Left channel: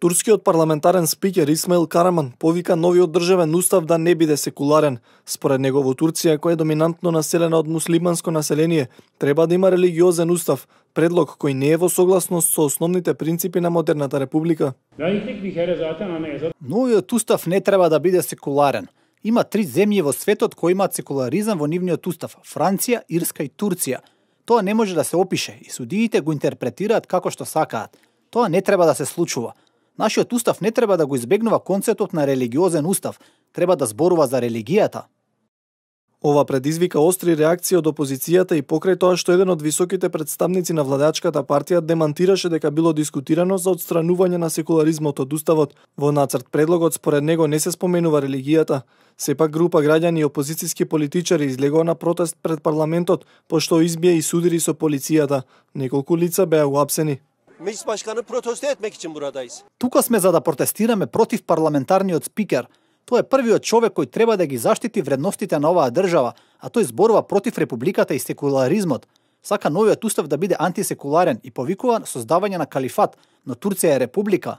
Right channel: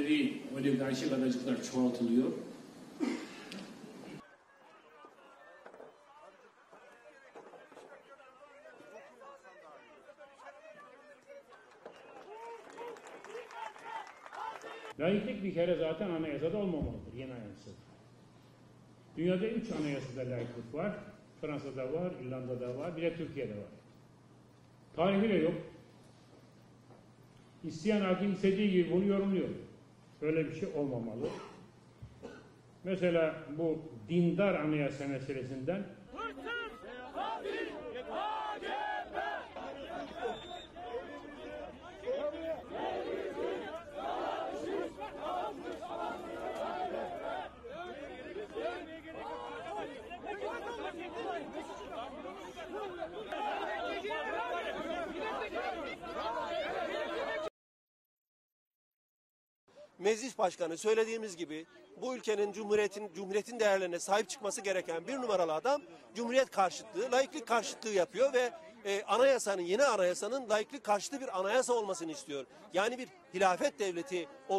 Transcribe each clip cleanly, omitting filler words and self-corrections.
Турскиот парламентарен спикер Исмаил Караман повика новиот државен устав да не биде секуларен. Според него во Турција, која е доминантно населена од муслиманско население, треба да има религиозен устав, предлог кој не е во согласност со основните принципи на модерната република. Новиот устав не треба да биде секуларен. Има 3 земји во светот кои имаат секуларизам во нивниот устав: Франција, Ирска и Турција. Тоа не може да се опише и судиите го интерпретираат како што сакаат. Тоа не треба да се случува. Нашиот устав не треба да го избегнува концептот на религиозен устав. Треба да зборува за религијата. Ова предизвика остри реакции од опозицијата и покрај тоа што еден од високите представници на владачката партија демантираше дека било дискутирано за отстранување на секуларизмот од уставот. Во нацрт предлогот според него не се споменува религијата. Сепак група граѓани и опозицијски политичари излегоа на протест пред парламентот, пошто избија и судири со полицијата. Неколку лица беа уапсени. Meclis Başkanı protesto etmek için buradayız. Тука сме за да протестираме против парламентарниот спикер. Тој е првиот човек кој треба да ги заштити вредностите на оваа држава, а тој зборува против републиката и секуларизмот. Сака новиот устав да биде антисекуларен и повикува создавање на калифат, но Турција е република.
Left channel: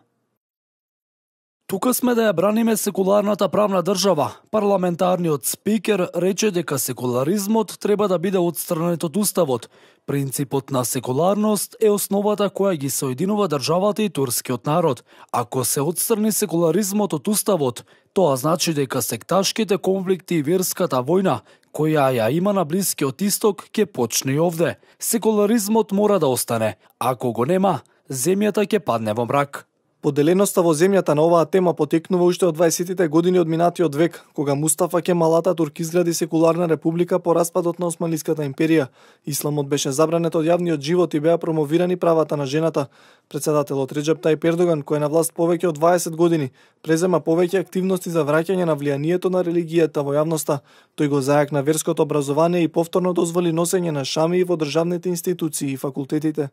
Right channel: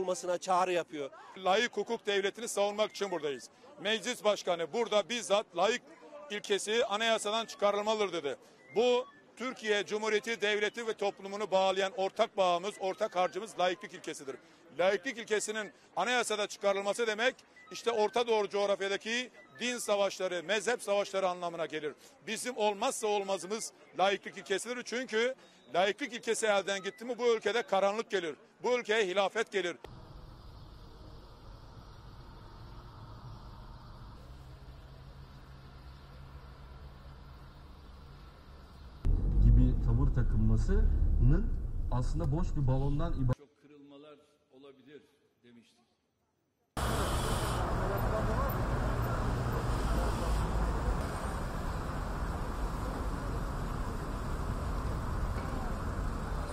Тука сме да ја браниме секуларната правна држава. Парламентарниот спикер рече дека секуларизмот треба да биде отстранет од уставот. Принципот на секуларност е основата која ги соединува државата и турскиот народ. Ако се отстрани секуларизмот од уставот, тоа значи дека секташките конфликти и верската војна, која ја има на Блискиот Исток, ќе почне и овде. Секуларизмот мора да остане. Ако го нема, земјата ќе падне во брак. Поделеноста во земјата на оваа тема потекнува уште од 20-тите години од минатиот век, кога Мустафа Кемал Ататурк изгради секуларна република по распадот на Османлиската империја. Исламот беше забранет од јавниот живот и беа промовирани правата на жената. Председателот Реджеп Тајип Ердоган, кој е на власт повеќе од 20 години, презема повеќе активности за враќање на влијанието на религијата во јавноста. Тој го зајакна верското образование и повторно дозволи носење на шамии во државните институции и факултетите.